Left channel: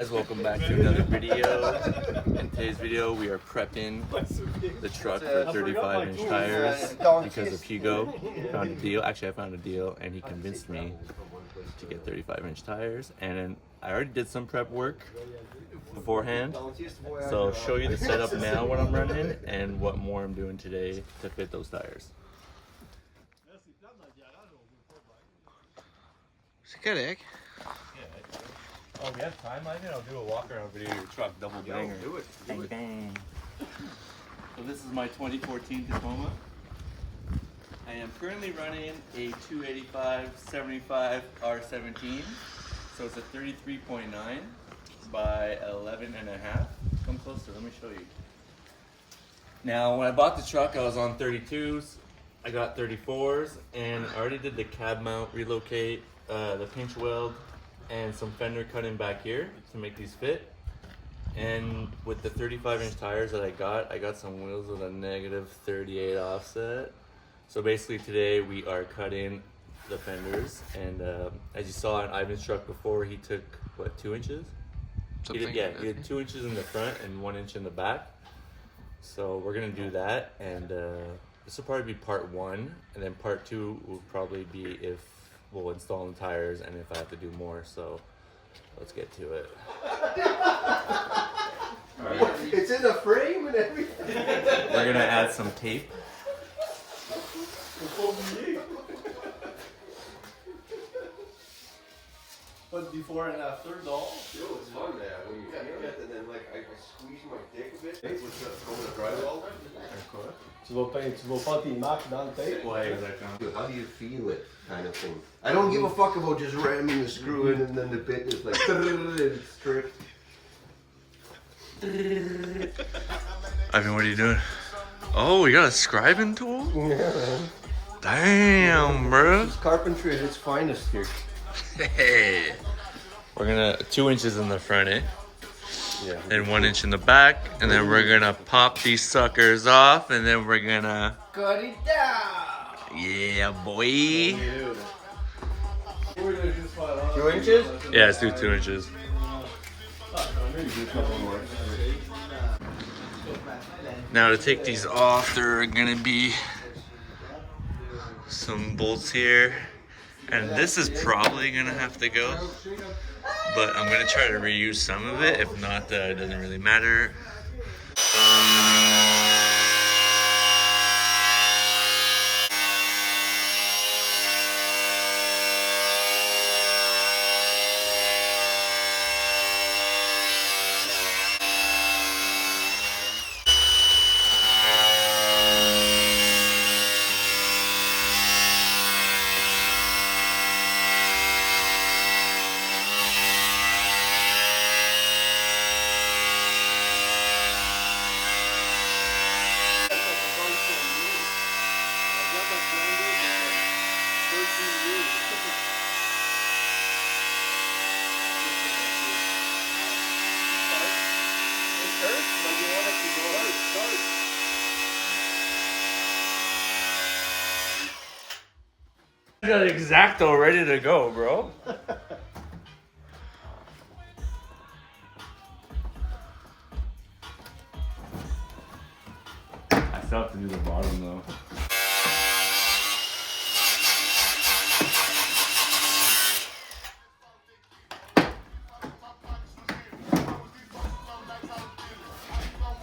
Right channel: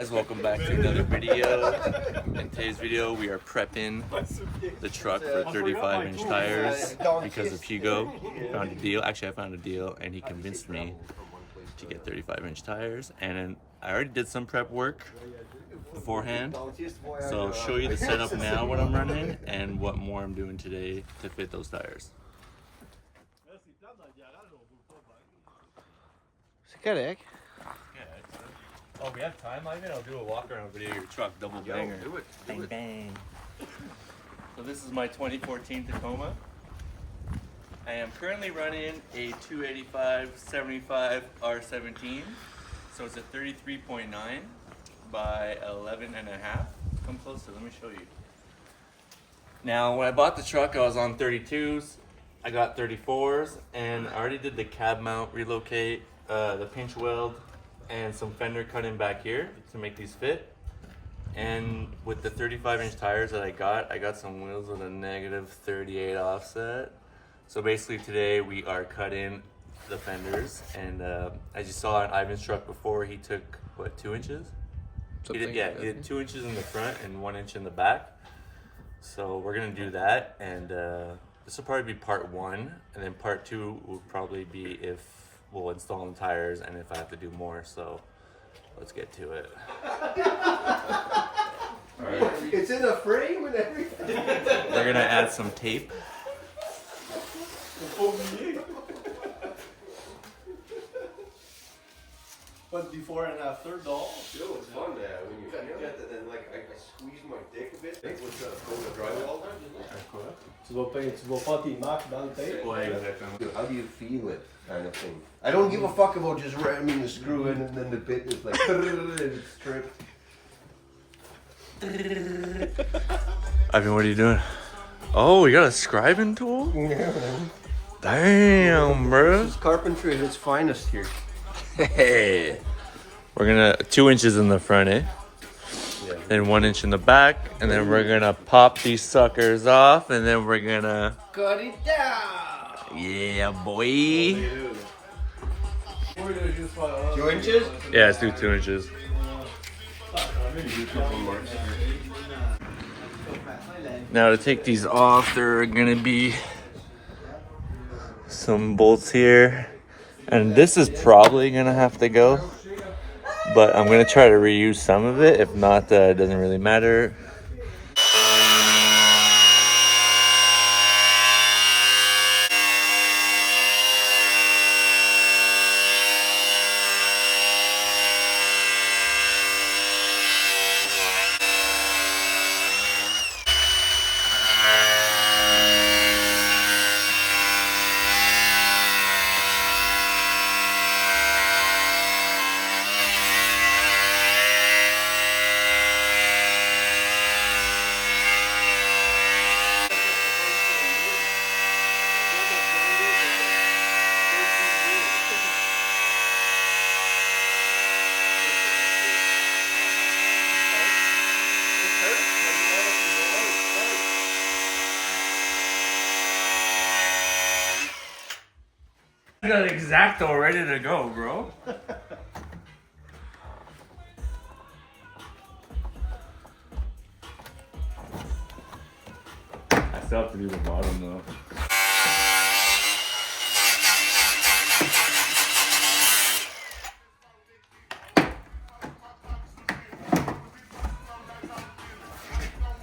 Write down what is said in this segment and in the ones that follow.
Guys, welcome back to another video. In today's video, we are prepping the truck for 35-inch tires because of Hugo. Found a deal. Actually, I found a deal, and he convinced me to get 35-inch tires. And then I already did some prep work beforehand, so I'll show you the setup now, what I'm running, and what more I'm doing today to fit those tires. Correct. Oh, we have time, Ivan? I'll do a walk around video of your truck, double banger. Do it. Bang bang. So this is my 2014 Tacoma. I am currently running a 285/75 R17. So it's a 33.9 by 11.5. Come closer, let me show you. Now, when I bought the truck, I was on 32s. I got 34s, and I already did the cab mount relocate, the pinch weld, and some fender cutting back here to make these fit. And with the 35-inch tires that I got some wheels with a -38 offset. So basically today we are cutting the fenders, and as you saw on Ivan's truck before, he took, what, 2 inches? He did 2 inches in the front and 1 inch in the back. So we're gonna do that, and this will probably be part 1, and then part 2 will probably be if we'll install the tires and if I have to do more. So let's get to it. All right. It's in a frame and everything. We're gonna add some tape. But before and after, doll. Yo, it's fun there. When you get and then like I squeeze my dick a bit. We're trying to pull the drywall. Tu vas pas tes marques dans le tape. Ouais, exactement. Dude, how do you feel it, kind of thing? I don't give a fuck about just ramming the screw in and then the bit is like it's stripped. Ivan, what are you doing? Oh, we got a scribing tool? Yeah, man. Damn, bro. It's carpentry at its finest here. Hey. We're gonna 2 inches in the front, eh? Yeah. Then 1 inch in the back, and then we're gonna pop these suckers off, and then we're gonna Cut it down. yeah, boy. 2 inches? Yeah, let's do 2 inches. Now to take these off, there are gonna be some bolts here, and this is probably gonna have to go, but I'm gonna try to reuse some of it. If not, it doesn't really matter. I got X-Acto ready to go, bro. I still have to do the bottom though.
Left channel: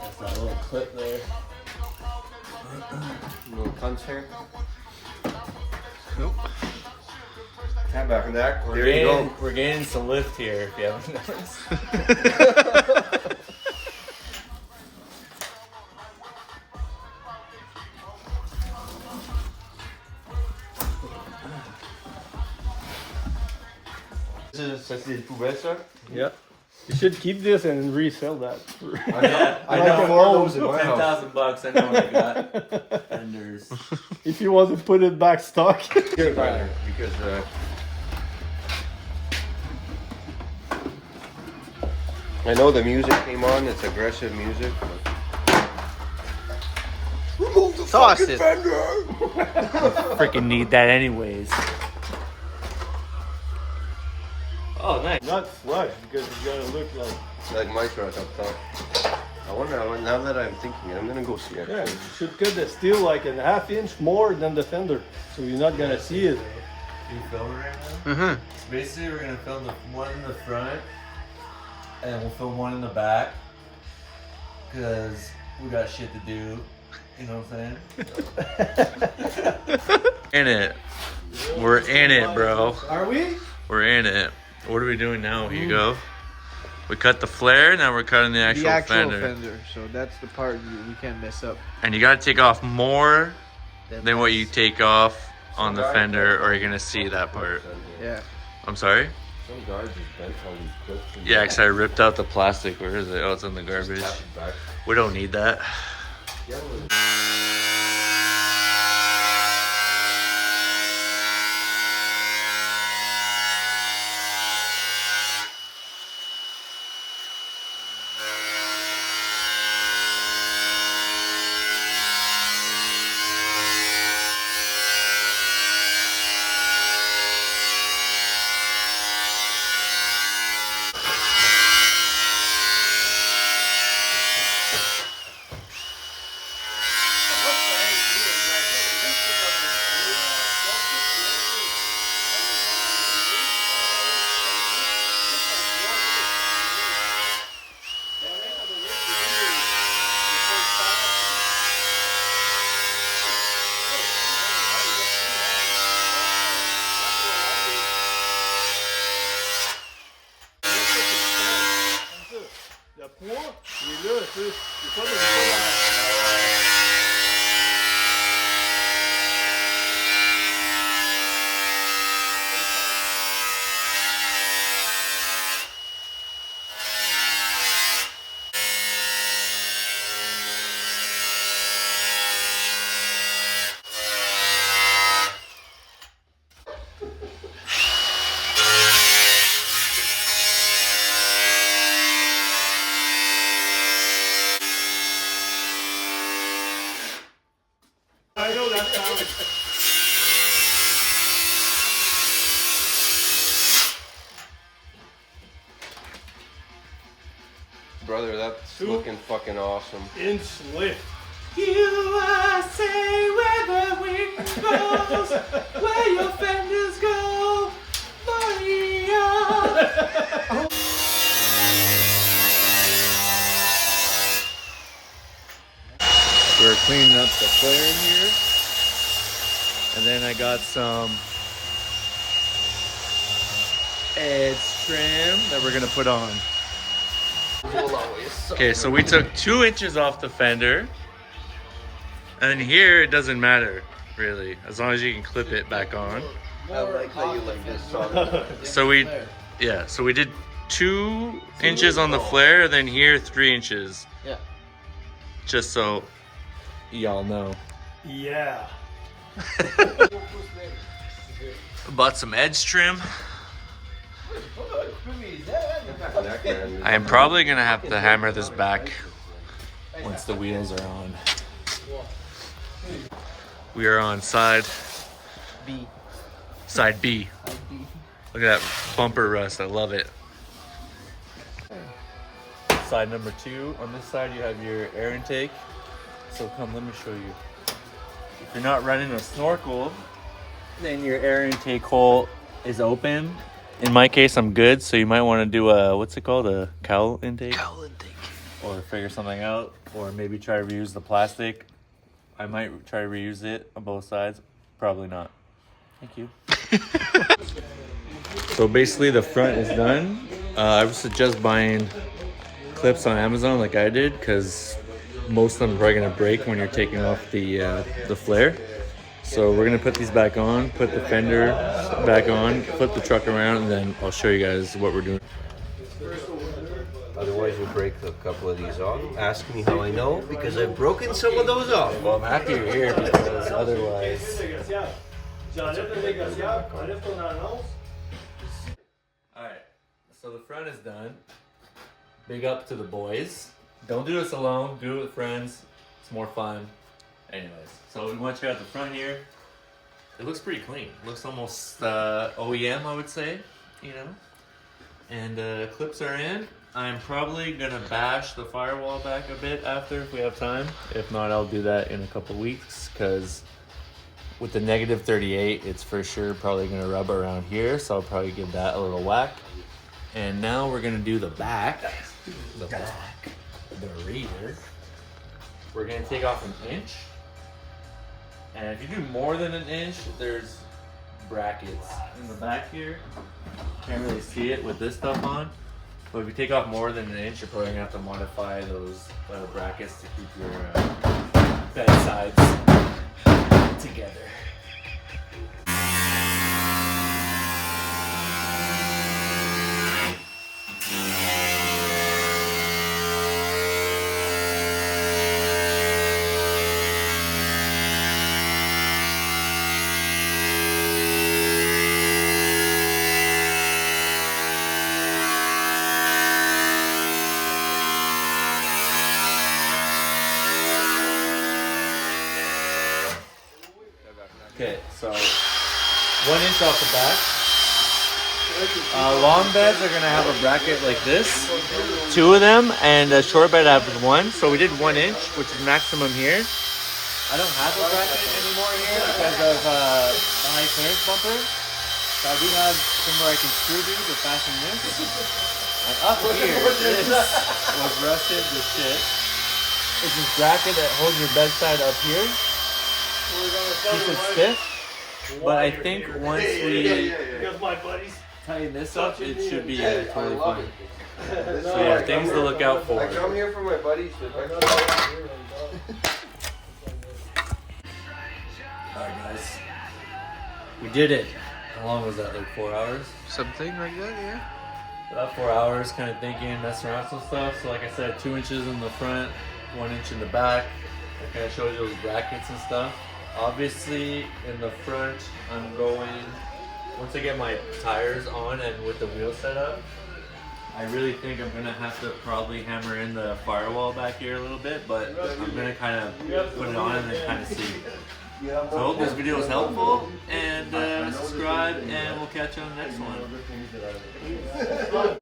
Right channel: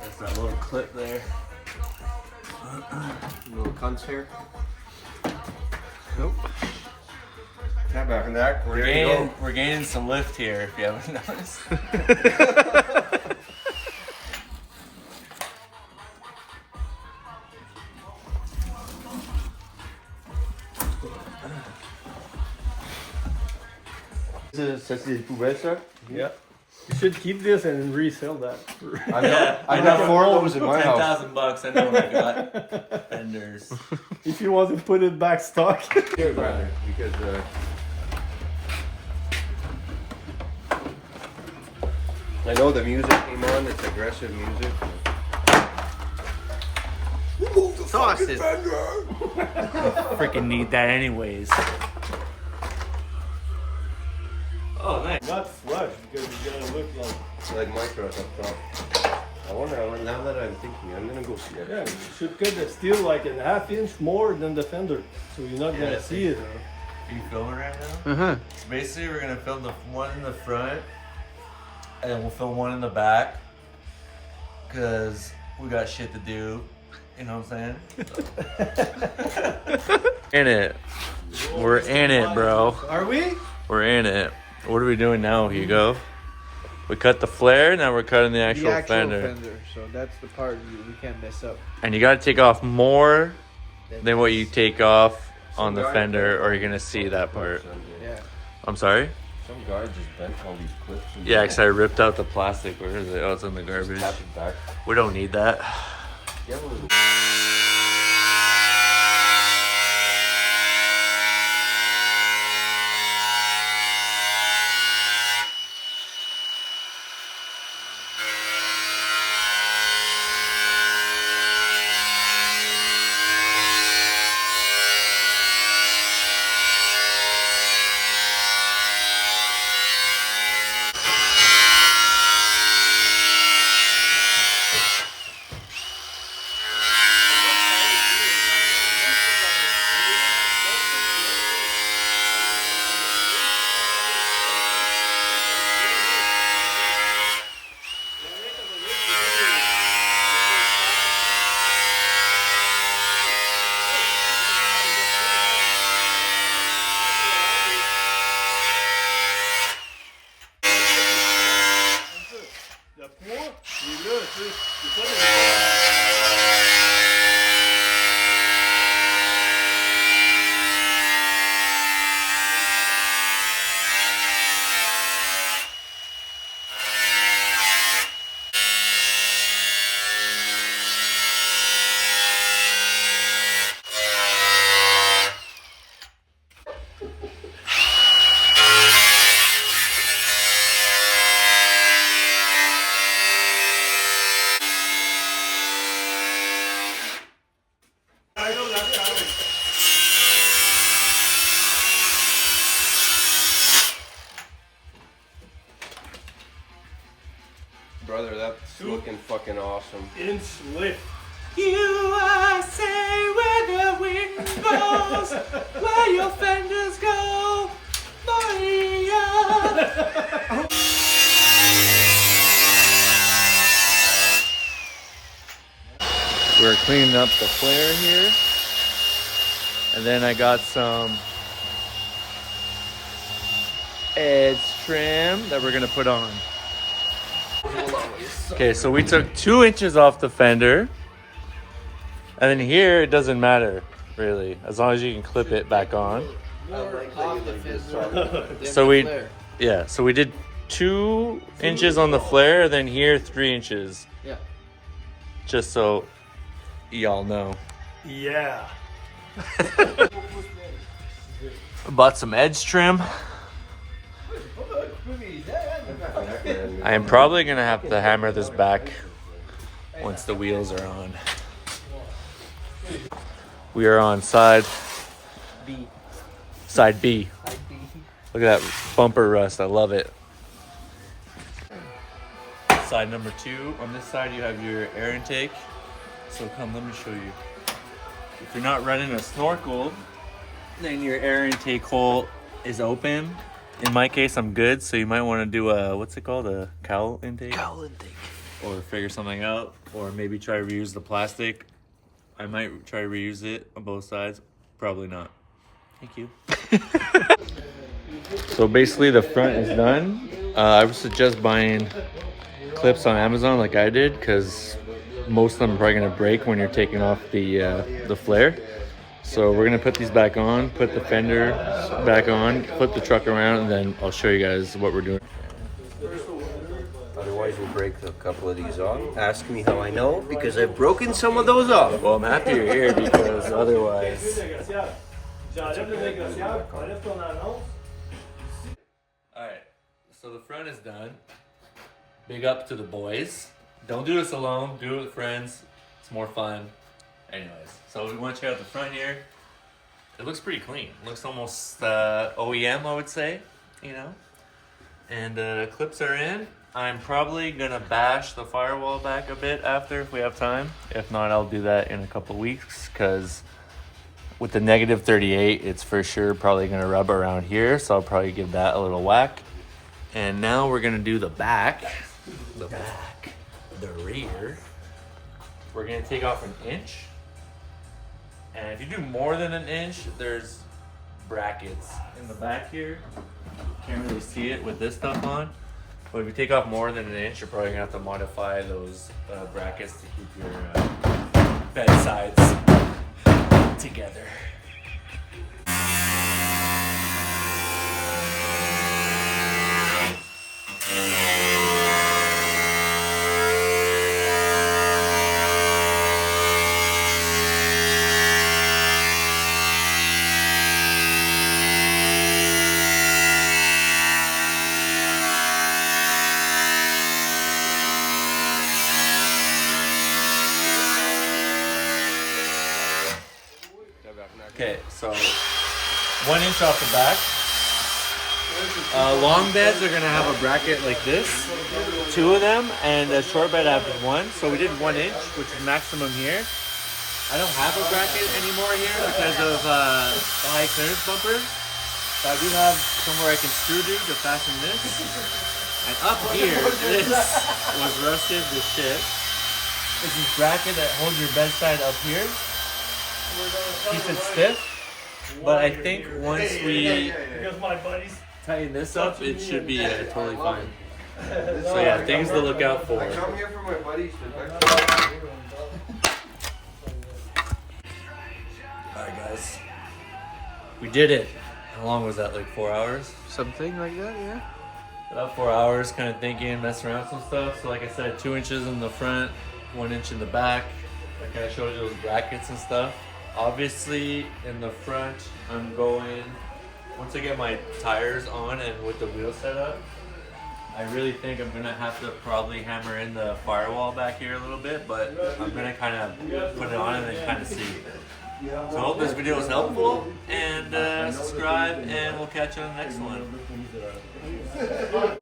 That's that little clip there. Little cunts here. Nope. Tap back on that. There you go. We're gaining some lift here, if you haven't noticed. Ça c'est des poubelles, ça? Yeah. You should keep this and resell that. I know 4 of those in my house. $10,000. I know what I got. Fenders. If you want to put it back stock. Here, brother, because I know the music came on. It's aggressive music. Toss it. Freaking need that anyways. Oh, nice. not flush because you gotta look like. Like micro up top. I wonder, now that I'm thinking, I'm gonna go see it. Yeah, you should cut the steel like a ½ inch more than the fender, so you're not gonna see it. Are you filming right now? Uh-huh. So basically, we're gonna film the one in the front, and then we'll film one in the back, cause we got shit to do. You know what I'm saying? In it. We're in it, bro. Are we? We're in it. What are we doing now, Hugo? We cut the flare, now we're cutting the actual, fender. So that's the part we can't mess up. And you gotta take off more than what you take off on the fender, or you're gonna see that part. Yeah. I'm sorry? Some guy just bent all these clips. And Yeah, because I ripped out the plastic. Where is it? Oh, it's in the garbage. tapped it back. We don't need that. You have a little- Le poids, il est là, tu sais. C'est pas le Brother, that's looking fucking awesome. inch lift. USA, where the wind goes, where your fenders go, Maria. We're cleaning up the flare in here. And then I got some edge trim that we're gonna put on. Okay, so we took 2 inches off the fender. And then here, it doesn't matter, really, as long as you can clip it back on. More off the fender. So we did 2 inches on the flare, and then here 3 inches. Yeah. Just so y'all know. Yeah. Bought some edge trim. I am probably gonna have to hammer this back once the wheels are on. We are on side B. Side B. Look at that bumper rust. I love it. Side number 2. On this side, you have your air intake. So come, let me show you. If you're not running a snorkel, then your air intake hole is open. In my case, I'm good. So you might want to do a, what's it called? A cowl intake? Cowl intake. Or figure something out. Or maybe try to reuse the plastic. I might try to reuse it on both sides. Probably not. Thank you. So basically the front is done. I would suggest buying clips on Amazon like I did, because most of them are probably gonna break when you're taking off the flare. So we're gonna put these back on, put the fender back on, flip the truck around, and then I'll show you guys what we're doing. Otherwise, we'll break a couple of these off. Ask me how I know, because I've broken some of those off. Well, I'm happy you're here because otherwise. Alright, so the front is done. Big up to the boys. Don't do this alone, do it with friends. It's more fun. Anyways, so we want to check out the front here. It looks pretty clean. Looks almost OEM, I would say, you know. And clips are in. I'm probably gonna bash the firewall back a bit after if we have time. If not, I'll do that in a couple weeks because with the negative 38, it's for sure probably gonna rub around here. So I'll probably give that a little whack. And now we're gonna do the back, the rear. We're gonna take off an inch. And if you do more than an inch, there's brackets in the back here. Can't really see it with this stuff on. But if you take off more than an inch, you're probably gonna have to modify those brackets to keep your bed sides together. Okay, so 1 inch off the back. Long beds are gonna have a bracket like this, 2 of them, and a short bed I have 1. So we did 1 inch, which is maximum here. I don't have a bracket anymore here because of the high clearance bumper. But I do have somewhere I can screw to fasten this. And up here, this was rusted with shit. It's this bracket that holds your bedside up here. Keep it stiff, but I think once we tighten this up, it should be totally fine. So yeah, things to look out for. I'm here for my buddies. Alright guys, we did it. How long was that, like 4 hours? Something like that, yeah. About 4 hours kind of thinking, messing around with some stuff. So like I said, 2 inches in the front, 1 inch in the back. I kind of showed you those brackets and stuff. Obviously, in the front, I'm going, once I get my tires on and with the wheel set up, I really think I'm gonna have to probably hammer in the firewall back here a little bit, but I'm gonna kind of put it on and then kind of see. So I hope this video was helpful, and subscribe, and we'll catch you on the next one.